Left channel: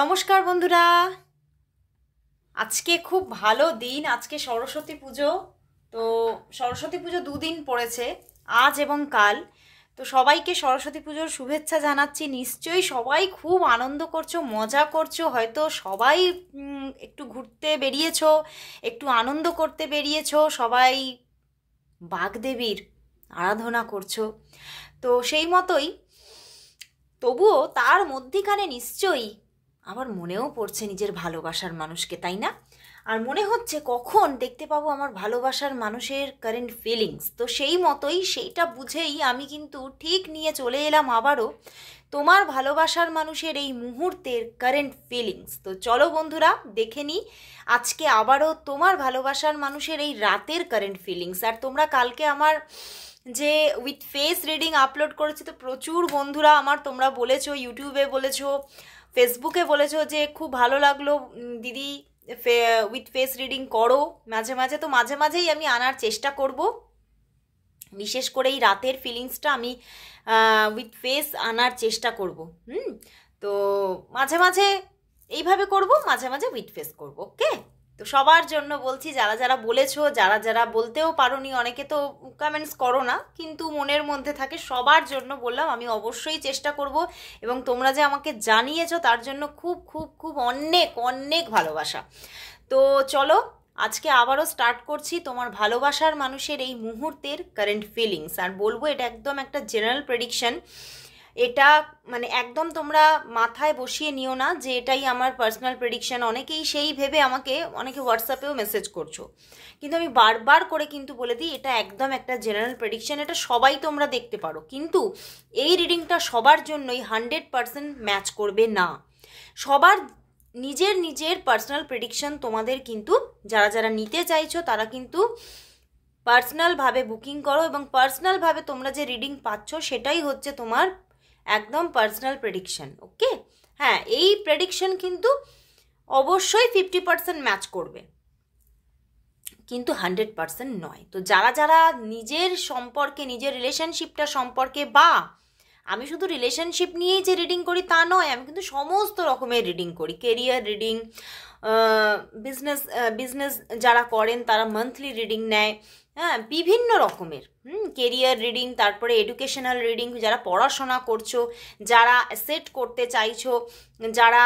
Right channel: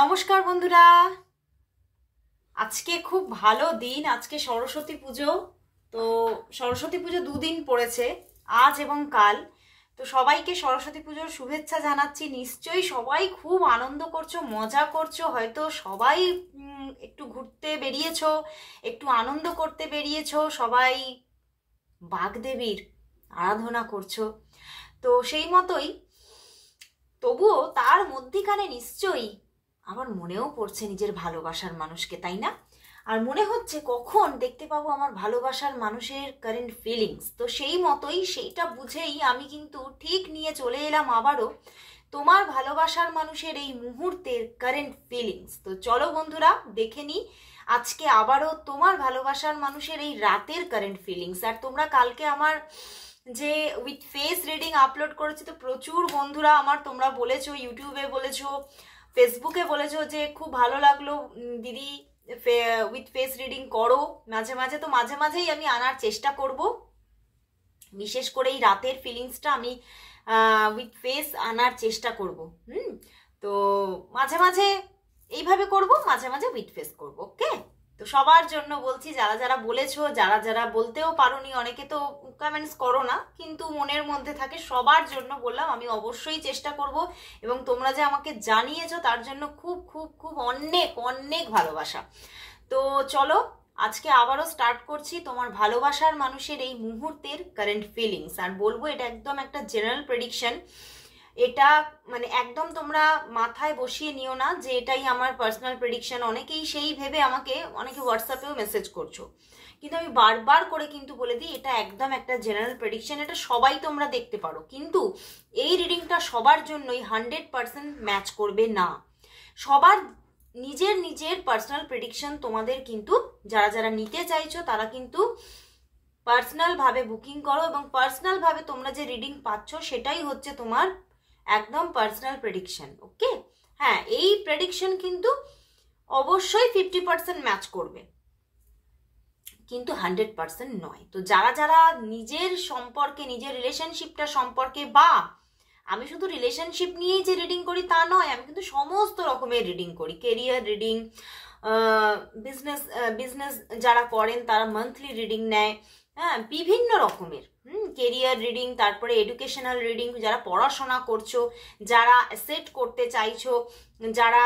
নমস্কার বন্ধুরা, আজকে খুব ভালো দিন। আজকে সরস্বতী পুজো। তো সরস্বতী পুজো দুদিন পড়েছে, আজ এবং কাল। তো সবাইকে সরস্বতী পুজোর শুভেচ্ছা জানাচ্ছি। নিশ্চয়ই সবাই খুব আনন্দ করছো, মজা করছো। হয়তো সবাই একটু ঘুরতে বেরিয়েছো, একটু আনন্দ করতে বেরিয়েছো, সবাই বাগদেবীর আরাধনা করছো। তো সেই মতোই তবুও তার মধ্যিখানে নিশ্চয়ই আমার মনেও পড়ছে নিজের ভালোবাসার মানুষকে, তাই না? আর মনে হচ্ছে কখন দেখতে পাবো আমার ভালোবাসার মানুষের কারেন্ট ফিলিংস। তো সেই মতোই সেইটা বুঝেই আমি কিন্তু ঠিক নিয়ে চলে এলাম আবারও তোমার ভালোবাসার মানুষের এই মুহূর্তের কারেন্ট ফিলিংস। তো চলো বন্ধুরা, দেখে নিই আজকে আবারও তোমার ভালোবাসার মানুষের এই রাতের কারেন্ট ফিলিংস। আর তোমরা কালকে আমার যে উইথ ফেস রিডিং আপলোড করেছি, তো প্রচুর বন্ধুরা আমার তোমরা বলেছো, ইউটিউবে বলেছো, ফেসবুকে বলেছো যে খুব ভালো লাগলো দিদি, উইথ ফেস রিডিং করো মাঝে মাঝে। তো মাঝে মাঝেই আমি আনার চেষ্টা করব, বিশেষ করে এই রাতের ফিলিংসটা আমি উইথ ফেস আনার চেষ্টা করব। তো মাঝে মাঝে এইভাবে করব, মাঝে মাঝে উইথ ফেস করব। ওকে? তো সবার জন্য বলছি, যারা যারা বলেছো, যারা যারা বলতেও পারোনি, অনেকে তো কমেন্টস করো না কিন্তু মনের মধ্যে থাকে, সবার জন্য বললাম আমি অবশ্যই চেষ্টা করব। এবং তোমরা যে আমাকে জানিয়েছো তার জন্য খুব খুব খুব অনেক অনেক ভালোবাসা। তো চলো আজকে আবারও স্টার্ট করছি তোমার ভালোবাসার মানুষের এই মুহূর্তের কারেন্ট ফিলিংস। আর বলবো এটা একদম একটা জেনারেল প্রেডিকশন। এটা মানে একদম তোমরা মাথায় বসিয়ে নিও না যে এটাই আমার পার্সোনাল প্রেডিকশন। অনেকেই সেই ভেবে আমাকে অনেকে হোয়াটসঅ্যাপেও মেসেজ করছো, কিন্তু আমি বারবার করে কিন্তু বলে দিই এটা একদম একটা জেনারেল প্রেডিকশন। এটা সবাই তোমরা দেখতে পারো, কিন্তু এই রিডিংটা সবার জন্যই 100% ম্যাচ করবে না। সবার নিজের নিজের পার্সোনাল প্রেডিকশন তোমাদের কিন্তু যারা যারা নিতে চাইছো তারা কিন্তু পার্সোনালভাবে বুকিং করো, এবং পার্সোনালভাবে তোমরা যে রিডিং পাচ্ছ সেটাই হচ্ছে তোমার একদম পার্সোনাল প্রেডিকশন। ওকে? হ্যাঁ, এই প্রেডিকশন কিন্তু অবশ্যই 50% ম্যাচ করবে, কিন্তু 100% নয়। তো যারা যারা নিজের সম্পর্কে, নিজের রিলেশনশিপটা সম্পর্কে, বা আমি শুধু রিলেশনশিপ নিয়েই যে রিডিং করি তা নয়, আমি কিন্তু সমস্ত রকমের রিডিং করি। কেরিয়ার রিডিং, বিজনেস যারা করেন তারা মান্থলি রিডিং নেয়, হ্যাঁ, বিভিন্ন রকমের কেরিয়ার রিডিং, তারপরে এডুকেশনাল রিডিং, যারা পড়াশোনা করছো, যারা সেট করতে চাইছো, যারা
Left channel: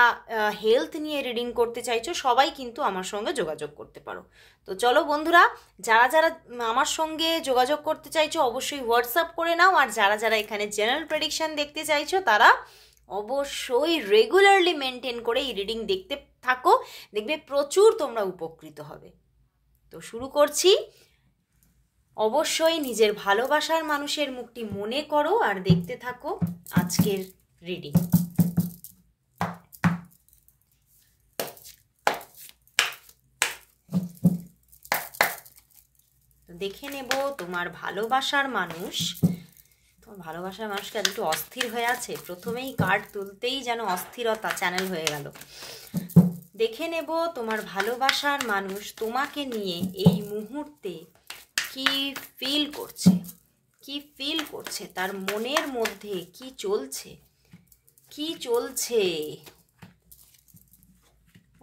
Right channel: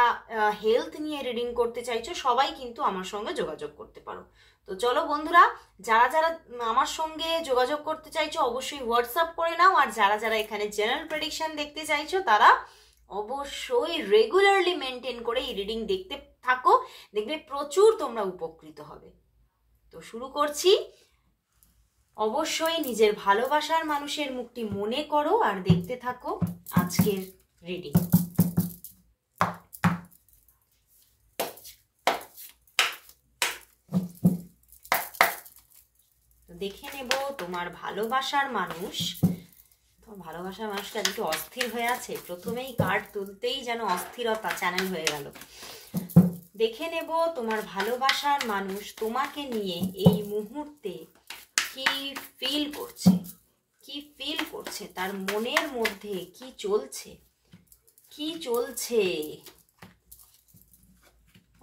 হেলথ নিয়ে রিডিং করতে চাইছো, সবাই কিন্তু আমার সঙ্গে যোগাযোগ করতে পারো। তো চলো বন্ধুরা, যারা যারা আমার সঙ্গে যোগাযোগ করতে চাইছো অবশ্যই হোয়াটসঅ্যাপ করে নাও। আর যারা যারা এখানে জেনারেল প্রেডিকশন দেখতে চাইছো তারা অবশ্যই রেগুলারলি মেনটেন করে এই রিডিং দেখতে থাকো, দেখবে প্রচুর তোমরা উপকৃত হবে। তো শুরু করছি। অবশ্যই নিজের ভালোবাসার মানুষের মুখটি মনে করো আর দেখতে থাকো আজকের রিডিং। দেখে নেব তোমার ভালোবাসার মানুষ। তোমার ভালোবাসার মানুষটা একটু অস্থির হয়ে আছে, প্রথমেই কার্ড তুলতেই যেন অস্থিরতা চ্যানেল হয়ে গেল। দেখে নেব তোমার ভালোবাসার মানুষ তোমাকে নিয়ে এই মুহূর্তে কি ফিল করছে, কি ফিল করছে, তার মনের মধ্যে কি চলছে, কি চলছে।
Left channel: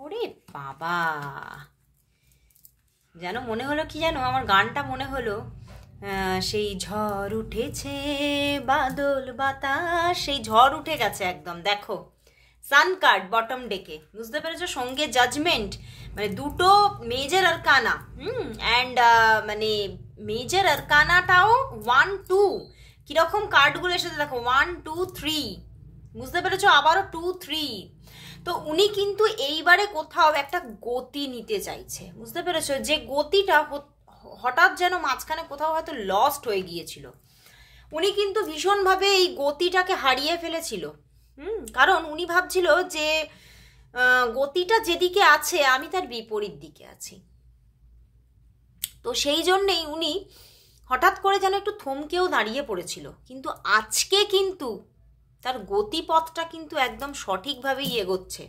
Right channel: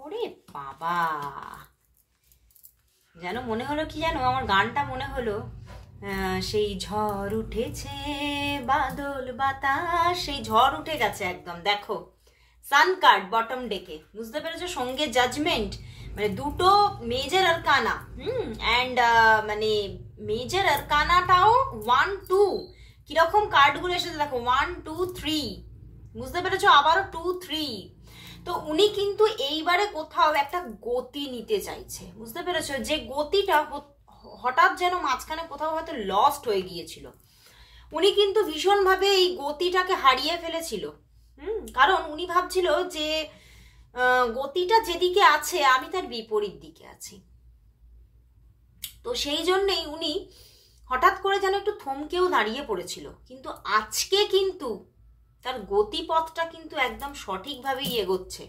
ওরে বাবা, যেন মনে হলো কি জানো, আমার গানটা মনে হলো সেই ঝড় উঠেছে বাদল বাতাস, সেই ঝড় উঠে গেছে একদম। দেখো সান কার্ড বটম ডেকে, বুঝতে পেরেছো? সঙ্গে জাজমেন্ট, মানে দুটো মেজর আরকানা। অ্যান্ড মানে মেজর আরকানাটাও 1 2 কিরকম কার্ডগুলো এসেছে দেখো, 1 2 3, বুঝতে পেরেছো? আবারও 2 3। তো উনি কিন্তু এইবারে কোথাও একটা গতি নিতে চাইছে, বুঝতে পেরেছো? যে গতিটা হঠাৎ যেন মাঝখানে কোথাও হয়তো লস্ট হয়ে গিয়েছিল। উনি কিন্তু ভীষণভাবে এই গতিটাকে হারিয়ে ফেলেছিল। কারণ উনি ভাবছিল যে গতিটা যেদিকে আছে আমি তার বিপরীত দিকে আছি। তো সেই জন্যেই উনি হঠাৎ করে যেন একটু থমকেও দাঁড়িয়ে পড়েছিল, কিন্তু আজকে কিন্তু তার গতিপথটা কিন্তু একদম সঠিকভাবেই এগোচ্ছে।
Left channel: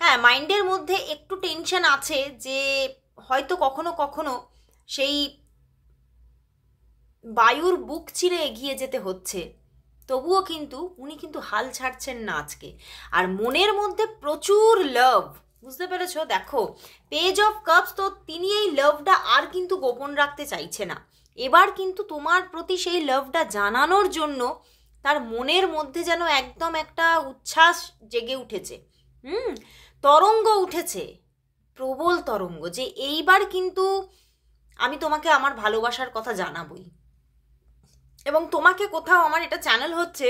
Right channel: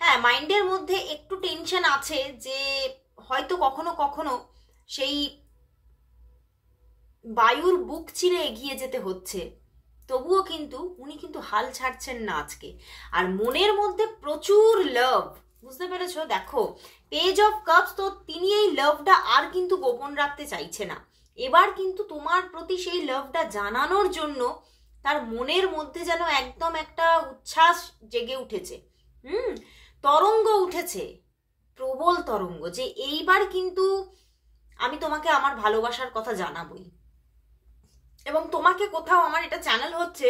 হ্যাঁ, মাইন্ডের মধ্যে একটু টেনশন আছে যে হয়তো কখনো কখনো সেই বায়ুর বুক চিরে এগিয়ে যেতে হচ্ছে, তবুও কিন্তু উনি কিন্তু হাল ছাড়ছেন না আজকে। আর মনের মধ্যে প্রচুর লাভ, বুঝতে পেরেছো? দেখো পেজ অফ কাপস, তো তিনি এই লাভটা আর কিন্তু গোপন রাখতে চাইছে না। এবার কিন্তু তোমার প্রতি সেই লাভটা জানানোর জন্য তার মনের মধ্যে যেন একদম একটা উচ্ছ্বাস জেগে উঠেছে, তরঙ্গ উঠেছে, প্রবল তরঙ্গ, যে এইবার কিন্তু আমি তোমাকে আমার ভালোবাসার কথা জানাবই। এবং তোমাকে কোথাও, আমার এটা চ্যানেল হচ্ছে,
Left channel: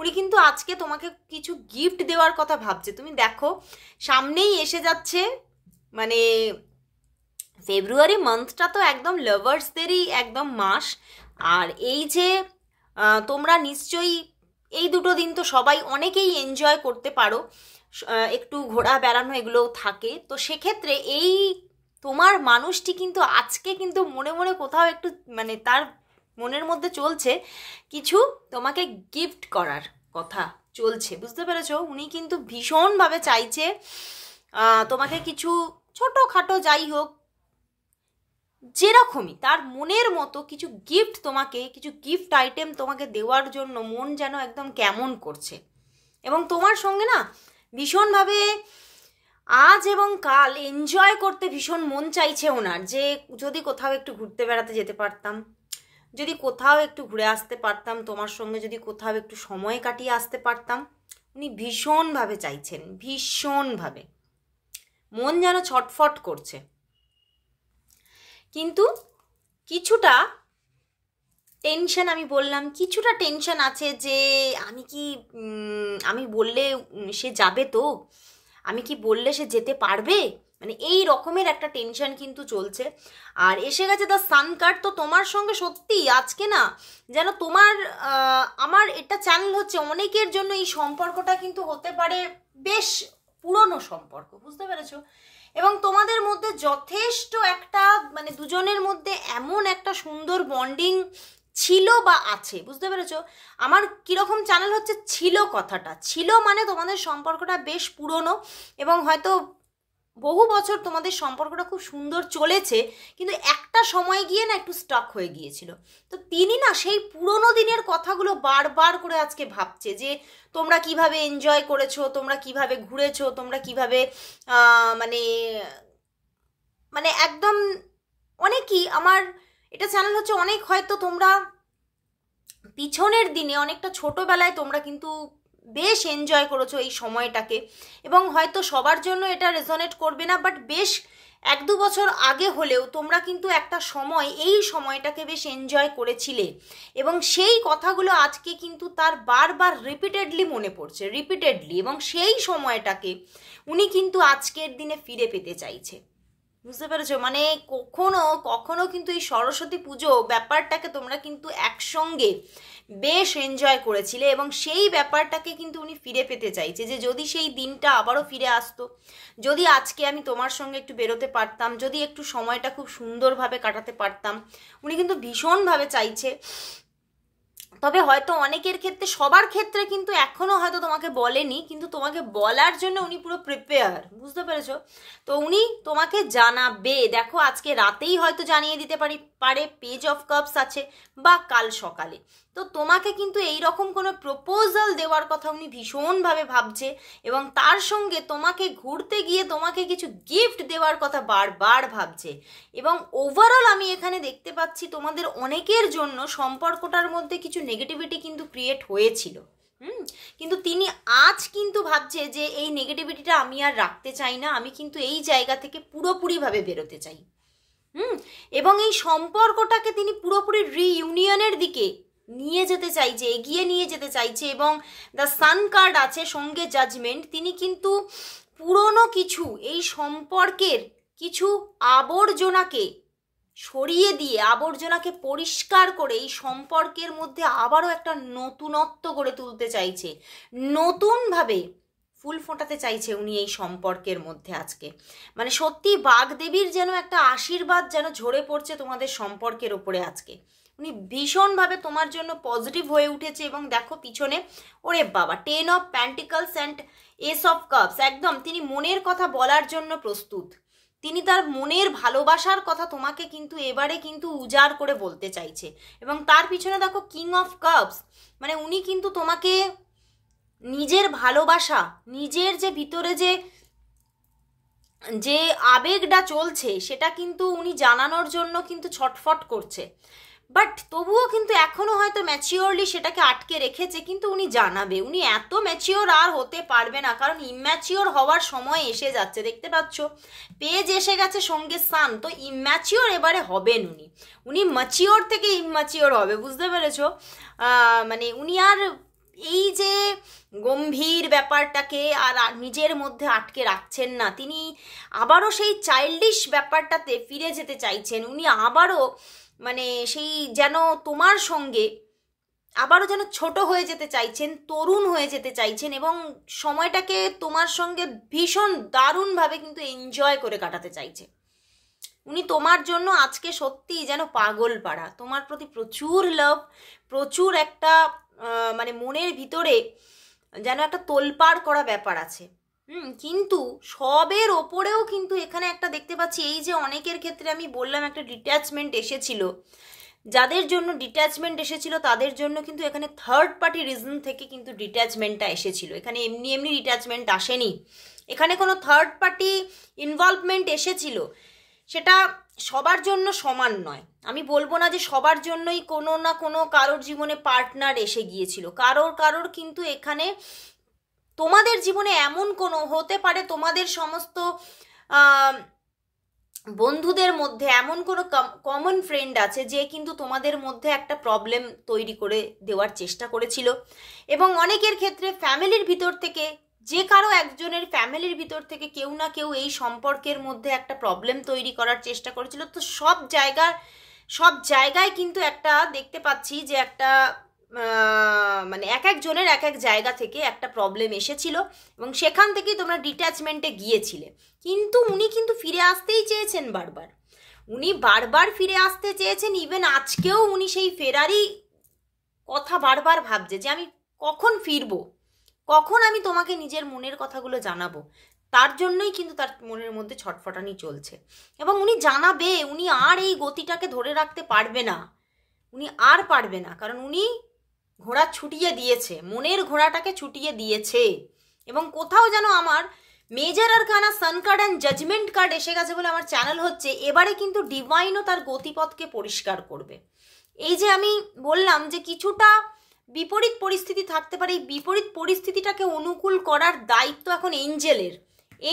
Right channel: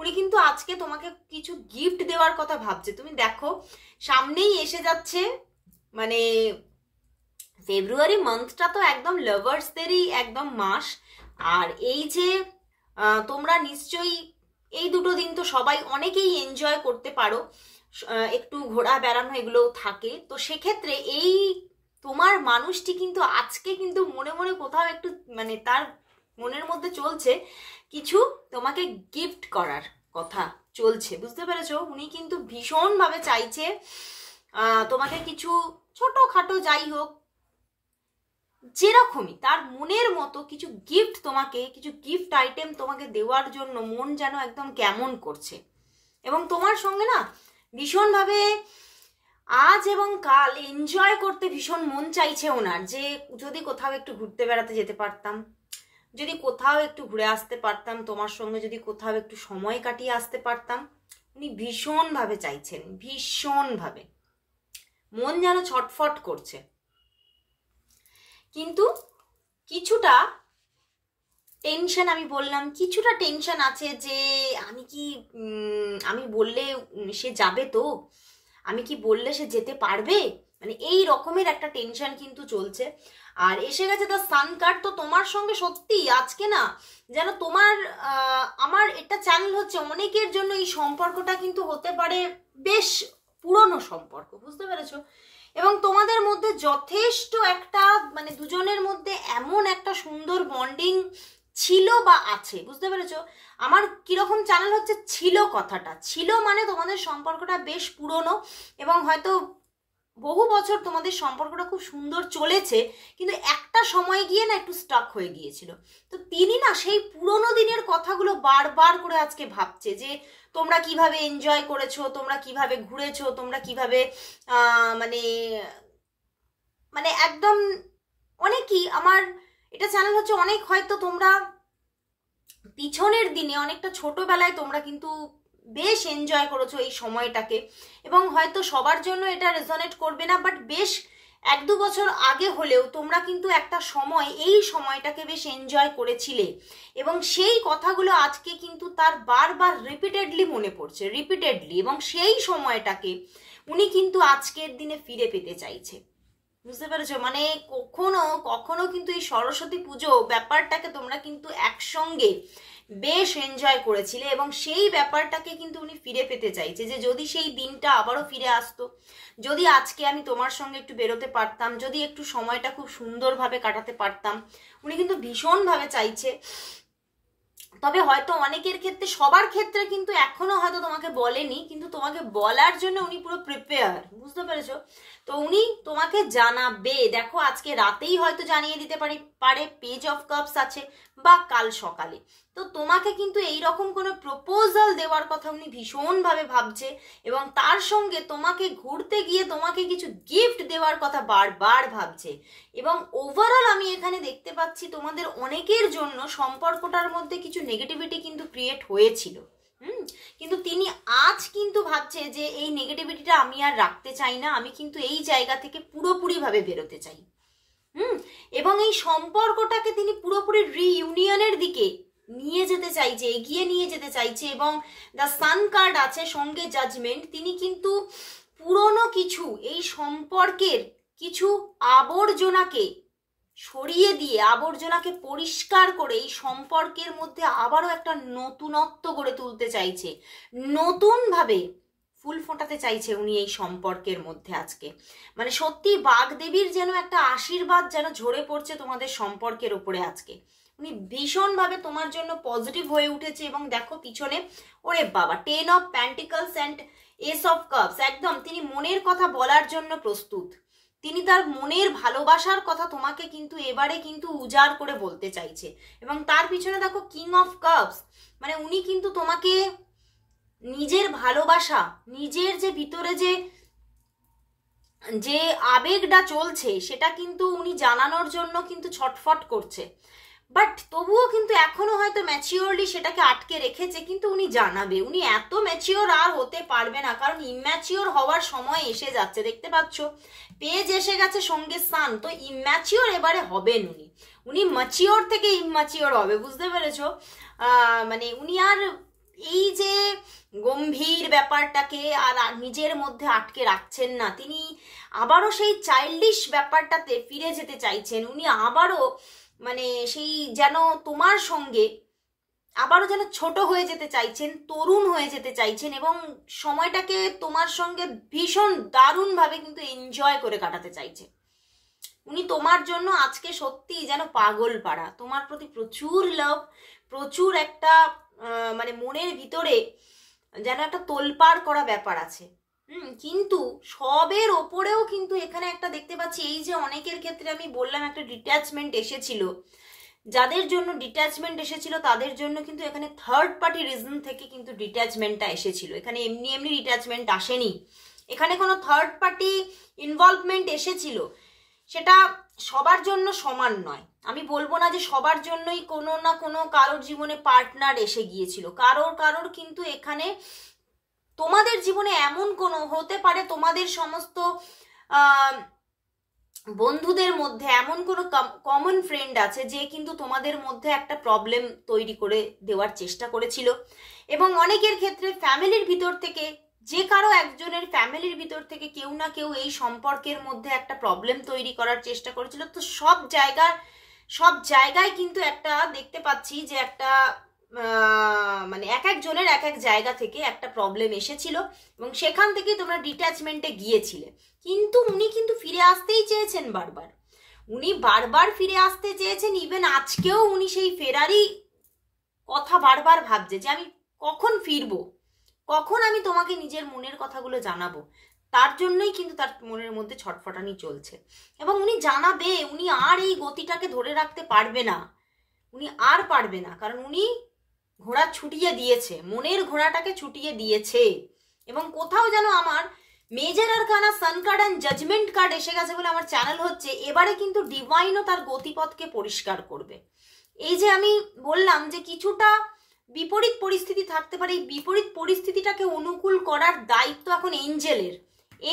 উনি কিন্তু আজকে তোমাকে কিছু গিফট দেওয়ার কথা ভাবছে। তুমি দেখো সামনেই এসে যাচ্ছে, মানে ফেব্রুয়ারি মান্থটা তো একদম লাভার্সদেরই একদম মাস। আর এই যে তোমরা নিশ্চয়ই এই দুটো দিন তো সবাই অনেকেই এনজয় করতে পারো, একটু ঘোরা বেড়ানো এগুলোও থাকে। তো সেক্ষেত্রে এই তোমার মানুষটি কিন্তু আজকে কিন্তু মনে মনে কোথাও একটু, মানে তার মনের মধ্যে চলছে কিছু তোমাকে গিফট করার কথা চলছে, বুঝতে পেরেছো? উনি কিন্তু ভীষণভাবে চাইছে তোমাকে কিছু ছোটোখাটো যাই হোক, যেরকমই তার মনের মতো কিছু গিফট, তোমাকে কিছু গিফট আইটেম তোমাকে দেওয়ার জন্য মন যেন একদম কেমন করছে। এবং তোমার সঙ্গে না ভীষণভাবে আজ এবং কাল এনজয় করতে ভীষণ মন চাইছে ওনার, যে যদি কোথাও একটু ঘুরতে বেড়াতে যেতে পারতাম, যদি কোথাও একটু ঘুরে আসতে পারতাম তোমার সঙ্গে, যদি কোথাও একটু সময় কাটিয়ে আসতে পারতাম। উনি ভীষণভাবে চাইছেন, ভীষণভাবে, মন যেন ছটফট করছে। কিন্তু কিছুটা টেনশন, আমি বললাম কিছুটা টেনশন আছে, যে আমি বললে সে যাবে তো, আমি কি বললে সে যেতে পারবে, মানে এই রকমের একটা টেনশন কিন্তু চলছে। আর এসে গেছে দ্য সান কার্ড। তো তোমার সঙ্গে সত্যি আজকে না যেন তোমার আমার এটা চ্যানেল হচ্ছে, অনেকের জন্য এই সম্পর্কটা কিন্তু হতে পারে বেশ পুরনো সম্পর্ক, বুঝতে পেরেছো? এবং তোমাদের মধ্যে যথেষ্ট একটা, মানে দুজনের মধ্যে এমন একটা সুন্দর বন্ডিং ছিল বা আছে, বুঝতে পেরেছো? আমার কিরকম চ্যানেল হচ্ছে ছিল, কথাটা ছিল মানে তোমাদের সম্পর্কটা বেশ পুরনো, এবং হয়তো বহু বছর তোমাদের সম্পর্কটা খুব সুন্দর চলেছে, কিন্তু একটা সময় গিয়ে না একটু স্টাক হয়ে গিয়েছিল। তো তিনি না সেই পুরনো দিনের কথাগুলো বারবার করে আজকে ভাবছে, যে তোমরা কিভাবে এনজয় করেছো, তোমরা কিভাবে ঘুরেছো, তোমরা কিভাবে মানে মানে একদম অনেকই, আমার এটা চ্যানেল হচ্ছে অনেক, হয়তো তোমরা পিছনের দিনে অনেকটা ছোটবেলায় তোমরা কিন্তু বেশ এনজয় করেছো এই সময়টাকে, এবং হয়তো সবার জন্য এটা রেজোনেট করবে না, বাট বেশ 1-2 বছর আগে হলেও তোমরা কিন্তু একটা সময় এই সময়টাকে বেশ এনজয় করেছিলে, এবং সেই কথাগুলো আজকে কিন্তু তার বারবার রিপিটেডলি মনে পড়ছে, রিপিটেডলি, এবং সেই সময়টাকে উনি কিন্তু আজকের দিনে ফিরে পেতে চাইছে, বুঝতে পেরেছো? মানে কখনো কখনো কিন্তু এই সরস্বতী পুজো ব্যাপারটাকে তোমরা কিন্তু একসঙ্গে বেশ এনজয় করেছিলে, এবং সেই ব্যাপারটাকে কিন্তু উনি ফিরে পেতে চাইছে, যে যদি সেই দিনটা আবারও ফিরে আসতো, যদি আজকে আমি তোমার সঙ্গে একটু বেরোতে পারতাম, যদি একটু সময়টা খুব সুন্দরভাবে কাটাতে পারতাম, উনি কিন্তু ভীষণভাবে চাইছে। তবে হয়তো অনেকের ক্ষেত্রে, সবার ক্ষেত্রে কিন্তু এখনো হয়তো তোমাকে বলেনি, কিন্তু তোমাকে বলার জন্য উনি পুরো প্রিপেয়ার, বুঝতে পেরেছো? তো উনি তোমাকে জানাবে, দেখো আজকে রাতেই হয়তো জানিয়ে দিতে পারে, পেজ অফ কাপস আছে, বা কাল সকালে। তো তোমাকে কিন্তু এইরকম কোনো প্রপোজাল দেওয়ার কথা উনি ভীষণভাবে ভাবছে, এবং তার সঙ্গে তোমাকে ঘুরতে গিয়ে তোমাকে কিছু গিফট দেওয়ার কথা বারবার ভাবছে। এবং ওভারঅল আমি এখানে দেখতে পাচ্ছি তোমাদের অনেকের জন্য সম্পর্কটার মধ্যে কিছু নেগেটিভিটি কিন্তু ক্রিয়েট হয়েছিল, কিন্তু তিনি আজ কিন্তু ভাবছে যে এই নেগেটিভিটিটা আমি আর রাখতে চাই না, আমি কিন্তু এই জায়গা থেকে পুরোপুরিভাবে বেরোতে চাই, এবং এই সম্পর্কটাকে তিনি পুরোপুরি রিইউনিয়নের দিকে নিয়ে যেতে চাইছে, এগিয়ে নিয়ে যেতে চাইছে। এবং দ্য সান কার্ড আছে, সঙ্গে জাজমেন্ট। তিনি কিন্তু পুরনো কিছু এই সম্পর্কের কিছু আবর্জনাকে সরিয়ে দিয়ে, আবর্জনাকে পরিষ্কার করে এই সম্পর্কের মধ্যে আবারও একটা নতুনত্ব গড়ে তুলতে চাইছে, নতুনভাবে ফুল ফোটাতে চাইছে উনি এই সম্পর্কের মধ্যে আজকে। মানে সত্যি বাগদেবীর যেন একটা আশীর্বাদ যেন ঝরে পড়ছে তোমাদের সম্পর্কের ওপরে আজকে। উনি ভীষণভাবে তোমার জন্য পজিটিভ হয়ে উঠেছে, এবং দেখো পিছনে, ওরে বাবা, 10 of pentacles and S of cups, একদম তিনি মনের কথা বলার জন্য প্রস্তুত। তিনি তার মনের ভালোবাসার কথা তোমাকে কিন্তু এবারে কিন্তু উজাড় করে বলতে চাইছে। এবং তার পিছনে দেখো কিং অফ কাপস, মানে উনি কিন্তু তোমাকে নিজের ভালোবাসা, নিজের যে ভিতরে যে যে আবেগটা চলছে সেটা কিন্তু উনি জানানোর জন্য কিন্তু ছটফট করছে, বাট তবুও কিন্তু এখনো হয়তো ম্যাচিওরলি সেটাকে আটকে রেখেছে, কিন্তু উনি জানাবে। উনি এত ম্যাচিওর আর হতে পারবে না, কারণ ইম্যাচিওর হওয়ার সময় এসে যাচ্ছে, দেখতে পাচ্ছ পেজ এসে গেছে সঙ্গে সান, তো ইম্যাচিওর এবারে হবেন উনি। উনি ম্যাচিওর থেকে ইম্যাচিওর হবে, বুঝতে পেরেছো? মানে উনি আর এই যে গম্ভীর ব্যাপারটাকে আর নিজের মধ্যে আটকে রাখছেন না, তিনি আবারও সেই চাইল্ডিশ ব্যাপারটাতে ফিরে যেতে চাইছেন। উনি আবারও মানে সেই যেন তোমার সঙ্গে আবারও যেন ছোট হয়ে যেতে চাইছেন, তরুণ হয়ে যেতে চাইছেন, এবং সময়টাকে তোমার সঙ্গে ভীষণ দারুণভাবে কিন্তু এনজয় করে কাটাতে চাইছে। উনি তোমার জন্য আজকে সত্যি যেন পাগল পাড়া, তোমার প্রতি প্রচুর লাভ, প্রচুর একটা মানে মনের ভিতরে যেন একটা তোলপাড় করা ব্যাপার আছে। কিন্তু সবের ওপরেও কিন্তু এখানে একটা দেখতে পাচ্ছি, এই যে অনেকের ক্ষেত্রে আমি বললাম একটা ডিট্যাচমেন্ট এসেছিল, যাদের জন্য ডিট্যাচমেন্ট এসেছিল তাদের জন্য কিন্তু এখানে থার্ড পার্টি রিজন থেকে কিন্তু ডিট্যাচমেন্টটা এসেছিল। এখানে এমনি এমনি ডিট্যাচমেন্ট আসেনি, এখানে কোনো থার্ড পার্টি ইনভলভমেন্ট এসেছিল। সেটা সবার জন্য সমান নয়, আমি বলবো না যে সবার জন্যই কোনো না কোনো কারোর জীবনে পার্টনার এসে গিয়েছিল, কারোর কিন্তু এখানে তোমাদের জীবনে এমন কোনো হতে পারে, তোমাদের সমস্ত বন্ধুদের মধ্যে এমন কোনো কমন ফ্রেন্ড আছে যে কিন্তু তোমাদের মধ্যে একটা প্রবলেম তৈরি করে দেওয়ার চেষ্টা করেছিল, এবং অনেকের ক্ষেত্রে ফ্যামিলির ভিতর থেকে যে কারো একজনের ফ্যামিলির ভিতর থেকে কেউ না কেউ এই সম্পর্কের মধ্যে একটা প্রবলেম তৈরি করার চেষ্টা করেছিল। তো সব জায়গায় কিন্তু একটা দেখতে পাচ্ছি যে একটা মানে এক একজনের এক এক জায়গা থেকে একটা প্রবলেম এসেছিল, এবং সেখান থেকেই তোমরা ডিট্যাচমেন্টে গিয়েছিলে। কিন্তু উনি কিন্তু ফিরে আসতেই চেয়েছেন বারবার, উনি বারবার ফিরে আসতে চেয়েছেন। ইভেন আজকেও উনি সেই ফেরারই কথা বারবার ভাবছে যে আমি কখন ফিরবো, কখন আমি তোমাকে নিজের মনের কথাগুলো জানাবো। তার জন্যই কিন্তু তার মনের মধ্যে ছটফটানি চলছে, এবং উনি জানাবে। উনি আর এই গতিটাকে ধরে রাখতে পারবে না, উনি আর পারবে না, কারণ উনি ঘোড়া ছুটিয়ে দিয়েছে, মনের ঘোড়াটাকে ছুটিয়ে দিয়েছে। এবং কোথাও যেন আমার major arcana sun card and judgement card এসে গেছে বলে আমার চ্যানেল হচ্ছে, এবারে কিন্তু ডিভাইনও তার গতিপথকে পরিষ্কার করবে। এই যে আমি বললাম যে কিছুটা বিপরীত পরিস্থিতি থাকতে পারে, এই বিপরীত পরিস্থিতিটাকে অনুকূল করার দায়িত্ব এখন এঞ্জেলের।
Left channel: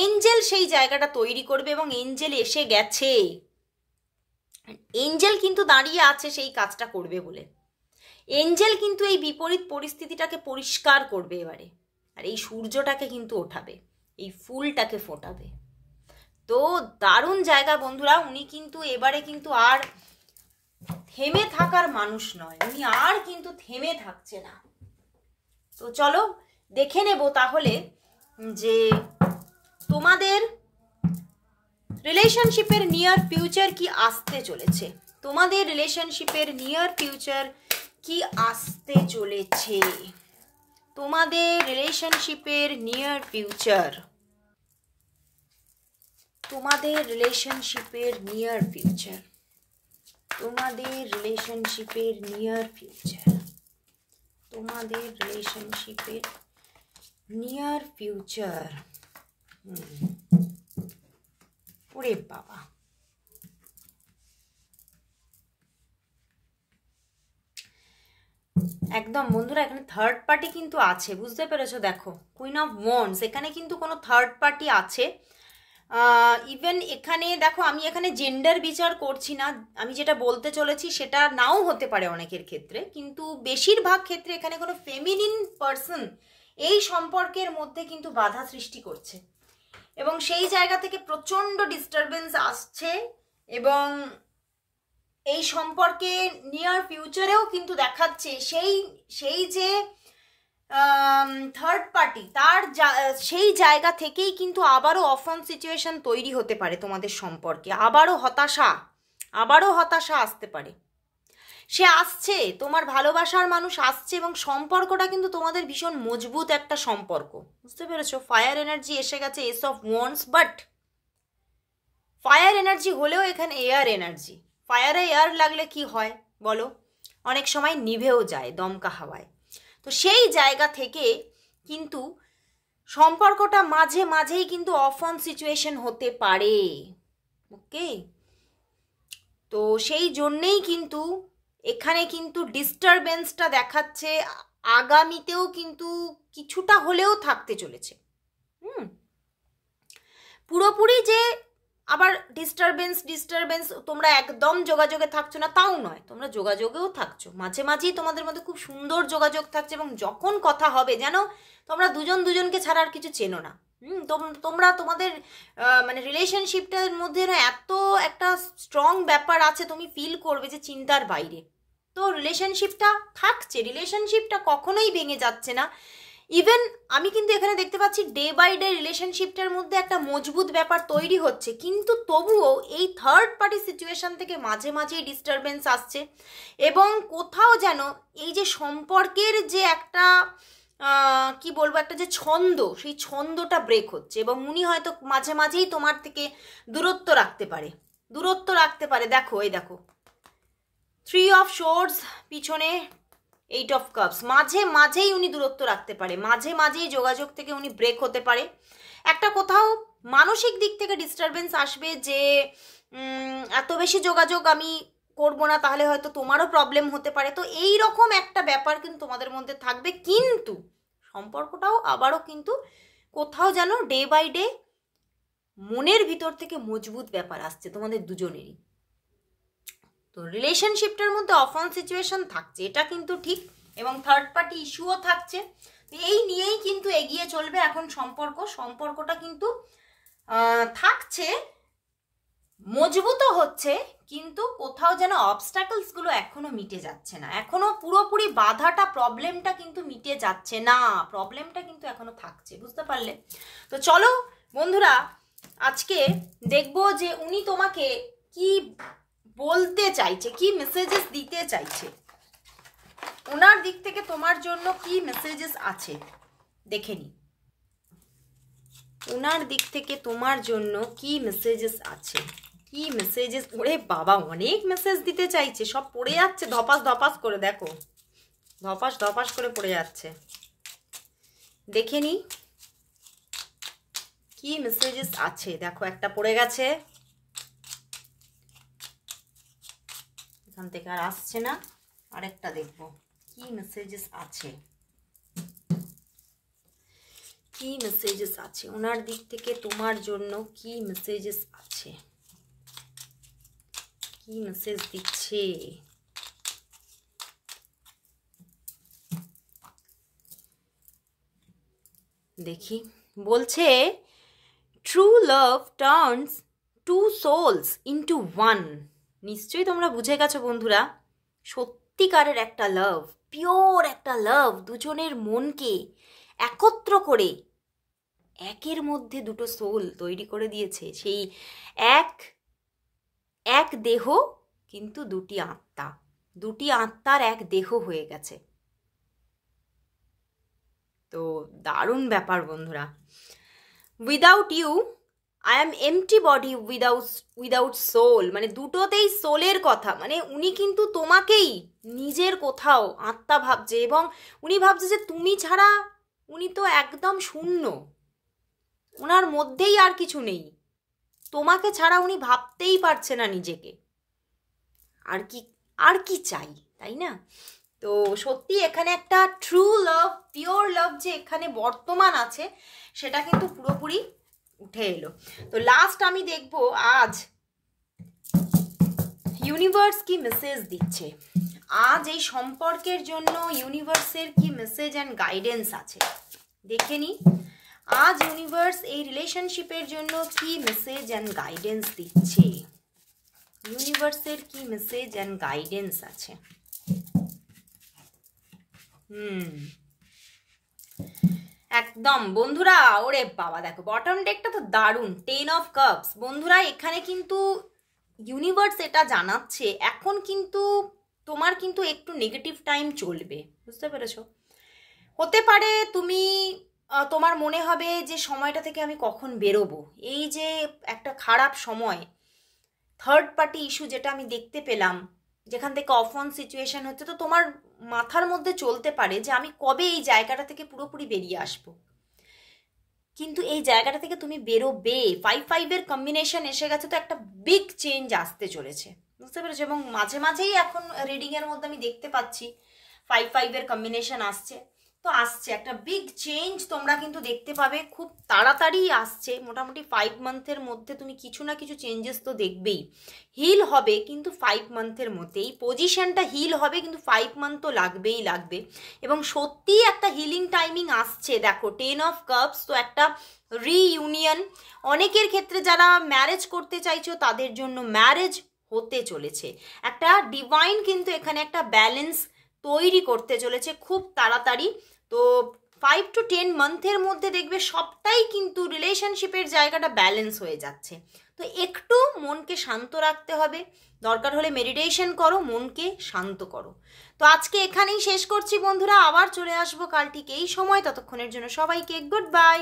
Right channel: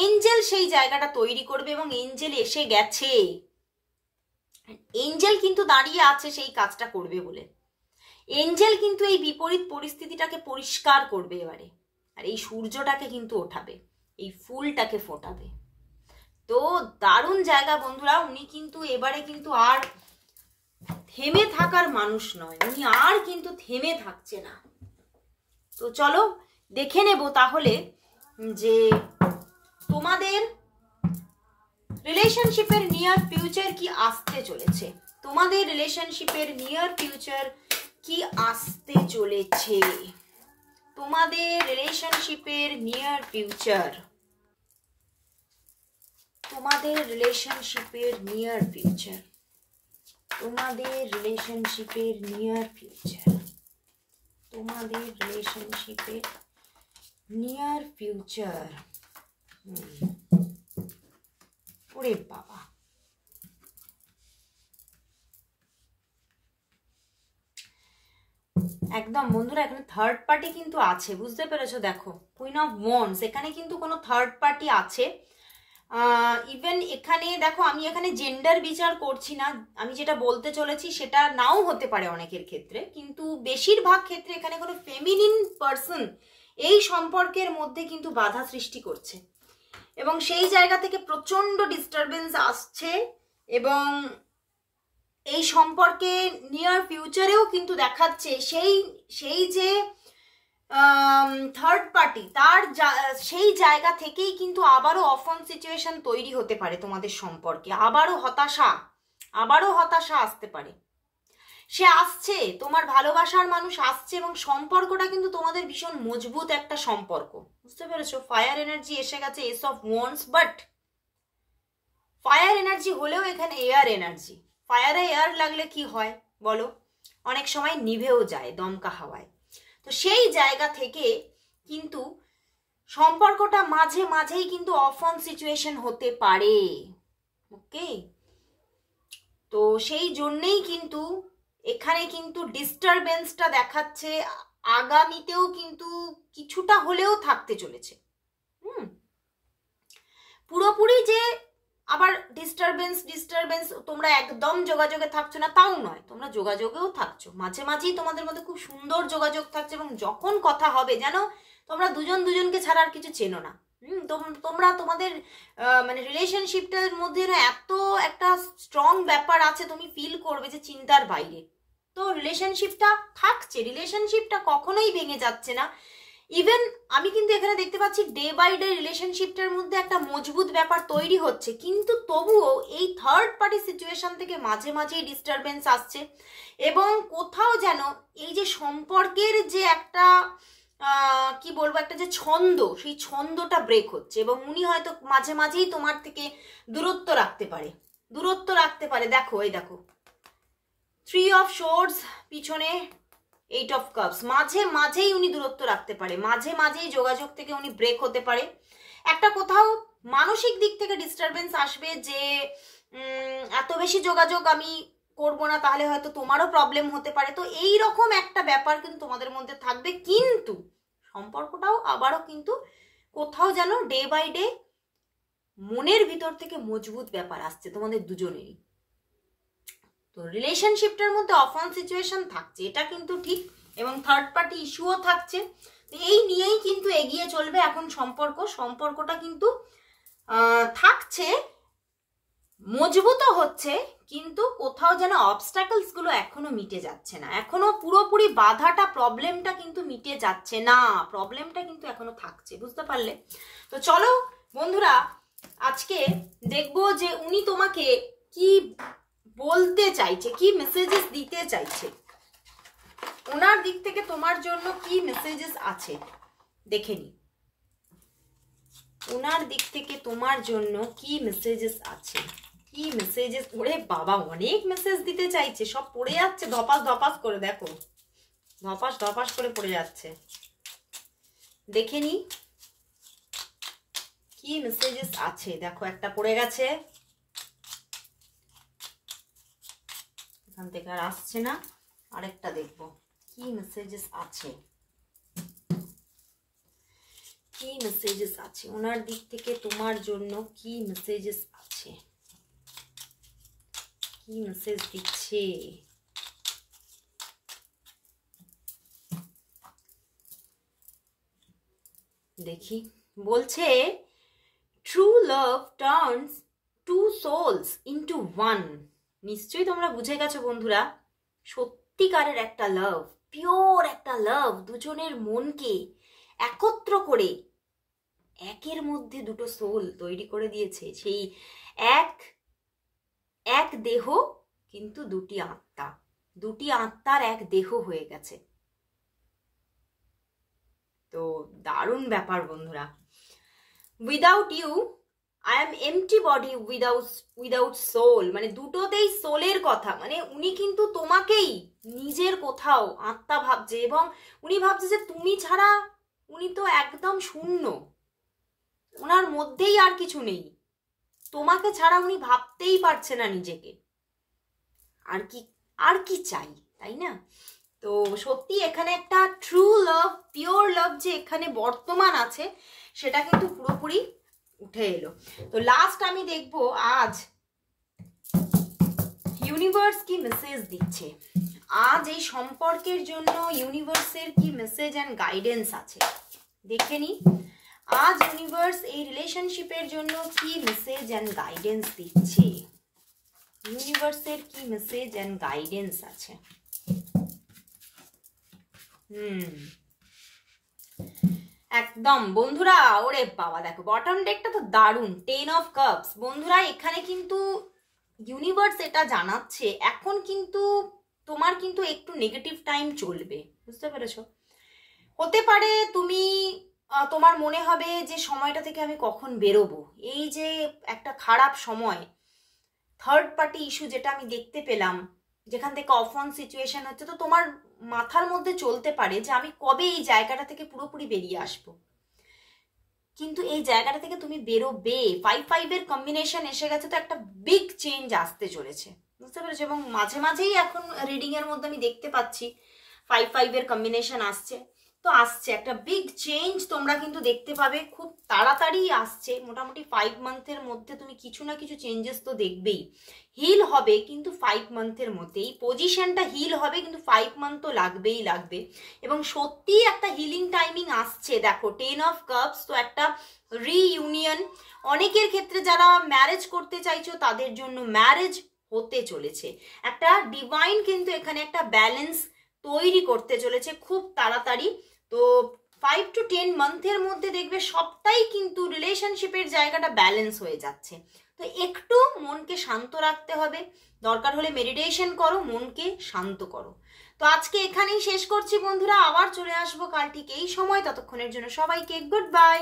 এঞ্জেল সেই জায়গাটা তৈরি করবে, এবং এঞ্জেল এসে গেছে, এঞ্জেল কিন্তু দাঁড়িয়ে আছে সেই কাজটা করবে বলে। এঞ্জেল কিন্তু এই বিপরীত পরিস্থিতিটাকে পরিষ্কার করবে এবারে, আর এই সূর্যটাকে কিন্তু ওঠাবে, এই ফুলটাকে ফোটাবে। তো দারুণ জায়গা বন্ধুরা। উনি কিন্তু এবারে কিন্তু আর থেমে থাকার মানুষ নয়, উনি আর কিন্তু থেমে থাকছে না। তো চলো দেখে নেব তাহলে যে তোমাদের রিলেশনশিপের নিয়ার ফিউচার কি আসতে চলেছে, তোমাদের রিলেশনশিপের নিয়ার ফিউচার কি আসতে চলেছে, তোমাদের রিলেশনশিপের নিয়ার ফিউচার, তোমাদের রিলেশনশিপের নিয়ার ফিউচার, তোমাদের রিলেশনশিপের নিয়ার ফিউচার, তোমাদের রিলেশনশিপের নিয়ার ফিউচার। ওরে বাবা, একদম বন্ধুরা এখানে থার্ড পার্টি কিন্তু আছে, বুঝতে পেরেছো? দেখো কুইন অফ ওয়ান্ডস, এখানে কিন্তু কোনো থার্ড পার্টি আছে। ইভেন এখানে দেখো, আমি এখানে জেন্ডার বিচার করছি না, আমি যেটা বলতে চলেছি সেটা নাও হতে পারে অনেকের ক্ষেত্রে, কিন্তু বেশিরভাগ ক্ষেত্রে এখানে কোনো ফেমিনিন পার্সন এই সম্পর্কের মধ্যে কিন্তু বাধা সৃষ্টি করছে, এবং সেই জায়গা থেকে প্রচন্ড ডিস্টারবেন্স আসছে, এবং এই সম্পর্কে নিয়ার ফিউচারেও কিন্তু দেখাচ্ছে সেই যে থার্ড পার্টি তার সেই জায়গা থেকেই কিন্তু আবারও অফন সিচুয়েশন তৈরি হতে পারে তোমাদের সম্পর্কে, আবারও হতাশা আসতে পারে। সে আসছে, তোমার ভালোবাসার মানুষ আসছে, এবং সম্পর্কটা কিন্তু তোমাদের ভীষণ মজবুত একটা সম্পর্ক, বুঝতে পেরেছো? ফায়ার এনার্জি এসে গেছে, S of wands, but fire energy হলেও এখানে এয়ার এনার্জি। ফায়ারে এয়ার লাগলে কি হয় বলো? অনেক সময় নিভেও যায় দমকা হাওয়ায়। তো সেই জায়গা থেকে কিন্তু সম্পর্কটা মাঝে মাঝেই কিন্তু অফ অন সিচুয়েশন হতে পারে। ওকে, তো সেই জন্যেই কিন্তু এখানে কিন্তু ডিস্টারবেন্সটা দেখাচ্ছে, আগামীতেও কিন্তু কিছুটা হলেও থাকতে চলেছে। পুরোপুরি যে আবার ডিস্টারবেন্স তোমরা একদম যোগাযোগে থাকছো না তাও নয়, তোমরা যোগাযোগেও থাকছো, মাঝে মাঝেই তোমাদের মধ্যে খুব সুন্দর যোগাযোগ থাকছে, এবং যখন কথা হবে যেন তোমরা দুজন দুজনকে ছাড়া আর কিছু চেনো না। তোমরা তোমাদের মানে রিলেশনশিপটার মধ্যে না এত একটা স্ট্রং ব্যাপার আছে, তুমি ফিল করবে যে চিন্তার বাইরে। তো রিলেশনশিপটা থাকছে, রিলেশনশিপটা কখনোই ভেঙে যাচ্ছে না। ইভেন আমি কিন্তু এখানে দেখতে পাচ্ছি ডে বাই ডে রিলেশনশিপটার মধ্যে একটা মজবুত ব্যাপার তৈরি হচ্ছে, কিন্তু তবুও এই থার্ড পার্টি সিচুয়েশন থেকে মাঝে মাঝেই ডিস্টারবেন্স আসছে, এবং কোথাও যেন এই যে সম্পর্কের যে একটা কি বলবো, একটা যে ছন্দ, সেই ছন্দটা ব্রেক হচ্ছে, এবং উনি হয়তো মাঝে মাঝেই তোমার থেকে দূরত্ব রাখতে পারে। দেখো, এই দেখো 3 অফ সোর্ডস, পিছনে 8 অফ কাপস, মাঝে মাঝেই উনি দূরত্ব রাখতে পারে, মাঝে মাঝেই যোগাযোগ থেকে উনি ব্রেক হতে পারে। একটা কোথাও মানসিক দিক থেকে ডিস্টারবেন্স আসবে যে এত বেশি যোগাযোগ আমি করবো না, তাহলে হয়তো তোমারও প্রবলেম হতে পারে। তো এই রকম একটা ব্যাপার কিন্তু তোমাদের মধ্যে থাকবে, কিন্তু সম্পর্কটাও আবারও কিন্তু কোথাও যেন ডে বাই ডে মনের ভিতর থেকে মজবুত ব্যাপার আসছে তোমাদের দুজনেরই। তো রিলেশনশিপটার মধ্যে অফ অন সিচুয়েশন থাকছে, এটা কিন্তু ঠিক, এবং থার্ড পার্টি ইস্যুও থাকছে। এই নিয়েই কিন্তু এগিয়ে চলবে এখন সম্পর্কটা কিন্তু থাকছে, মজবুতও হচ্ছে, কিন্তু কোথাও যেন অবস্ট্যাকলস গুলো এখনো মিটে যাচ্ছে না, এখনো পুরোপুরি বাধাটা, প্রবলেমটা কিন্তু মিটে যাচ্ছে না, প্রবলেমটা কিন্তু এখনো থাকছে, বুঝতে পারলে? তো চলো বন্ধুরা, আজকে দেখবো যে উনি তোমাকে কি বলতে চাইছে, কি মেসেজেস দিতে চাইছে, ওনার দিক থেকে তোমার জন্য কি মেসেজেস আছে দেখে নি। ওনার দিক থেকে তোমার জন্য কি মেসেজেস আছে, কি মেসেজেস। ওরে বাবা, অনেক মেসেজ দিতে চাইছে, সব পড়ে যাচ্ছে ধপাস ধপাস করে, দেখো ধপাস ধপাস করে পড়ে যাচ্ছে। দেখে নি কি মেসেজেস আছে। দেখো একটা পড়ে গেছে, এখান থেকে আর আসছে না, আরেকটা দেখবো কি মেসেজেস আছে, কি মেসেজেস আছে ওনার দিক থেকে তোমার জন্য, কি মেসেজেস আছে, কি মেসেজ দিচ্ছে। দেখি, বলছে true love turns two souls into one. নিশ্চয়ই তোমরা বুঝে গেছো বন্ধুরা, সত্যিকারের একটা লাভ, পিওর একটা লাভ, দুজনের মনকে একত্র করে একের মধ্যে দুটো সোল তৈরি করে দিয়েছে। সেই এক দেহ কিন্তু দুটি আত্মা, দুটি আত্মার এক দেহ হয়ে গেছে। তো দারুণ ব্যাপার বন্ধুরা। Without you I am empty body without soul, মানে দুটোতেই সোলের কথা, মানে উনি কিন্তু তোমাকেই নিজের কোথাও আত্মা ভাবছে, এবং উনি ভাবছে যে তুমি ছাড়া উনি তো একদম শূন্য, ওনার মধ্যেই আর কিছু নেই, তোমাকে ছাড়া উনি ভাবতেই পারছে না নিজেকে, আর কি চাই, তাই না? তো সত্যি এখানে একটা ট্রু লাভ, পিওর লাভ যে এখানে বর্তমান আছে, সেটা কিন্তু পুরোপুরি উঠে এলো। তো লাস্ট আমি দেখবো আজ ইউনিভার্স কি মেসেজ দিচ্ছে, আজ এই সম্পর্কের জন্য ইউনিভার্সের কি মেসেজ অ্যান্ড গাইডেন্স আছে দেখে নি। আজ ইউনিভার্স এই রিলেশনশিপের জন্য কি মেসেজ অ্যান্ড গাইডেন্স দিচ্ছে, ইউনিভার্সের কি মেসেজ অ্যান্ড গাইডেন্স আছে। একদম বন্ধুরা, ওরে বাবা দেখো বটম ডেকটা তো দারুণ, 10 অফ কাপস। বন্ধুরা এখানে কিন্তু ইউনিভার্স এটা জানাচ্ছে, এখন কিন্তু তোমার কিন্তু একটু নেগেটিভ টাইম চলবে, বুঝতে পেরেছো? হতে পারে তুমি তোমার মনে হবে যে সময়টা থেকে আমি কখন বেরোবো, এই যে একটা খারাপ সময়, থার্ড পার্টি ইস্যু যেটা আমি দেখতে পেলাম, যেখান থেকে অফ অন সিচুয়েশন হচ্ছে, তো তোমার মাথার মধ্যে চলতে পারে যে আমি কবে এই জায়গাটা থেকে পুরোপুরি বেরিয়ে আসবো, কিন্তু এই জায়গাটা থেকে তুমি বেরোবে। 5-5 কম্বিনেশন এসে গেছে, তো একটা বিগ চেঞ্জ আসতে চলেছে, বুঝতে পেরেছো? এবং মাঝে মাঝেই এখন রিডিং এর মধ্যে আমি দেখতে পাচ্ছি 5-5 কম্বিনেশন আসছে, তো আসছে একটা বিগ চেঞ্জ তোমরা কিন্তু দেখতে পাবে, খুব তাড়াতাড়ি আসছে। মোটামুটি 5 মান্থের মধ্যে তুমি কিছু না কিছু চেঞ্জেস তো দেখবেই। হিল হবে কিন্তু 5 মান্থের মধ্যে, এই পজিশনটা হিল হবে কিন্তু 5 মান্থ তো লাগবেই লাগবে। এবং সত্যিই একটা হিলিং টাইমিং আসছে। দেখো 10 অফ কাপস, তো একটা রিইউনিয়ন, অনেকের ক্ষেত্রে যারা ম্যারেজ করতে চাইছো তাদের জন্য ম্যারেজ হতে চলেছে। একটা ডিভাইন কিন্তু এখানে একটা ব্যালেন্স তৈরি করতে চলেছে খুব তাড়াতাড়ি। তো 5 to 10 মান্থের মধ্যে দেখবে সবটাই কিন্তু রিলেশনশিপের জায়গাটা ব্যালেন্স হয়ে যাচ্ছে। তো একটু মনকে শান্ত রাখতে হবে, দরকার হলে মেডিটেশন করো, মনকে শান্ত করো। তো আজকে এখানেই শেষ করছি বন্ধুরা, আবার চলে আসবো কাল ঠিক এই সময়। ততক্ষণের জন্য সবাইকে গুড বাই।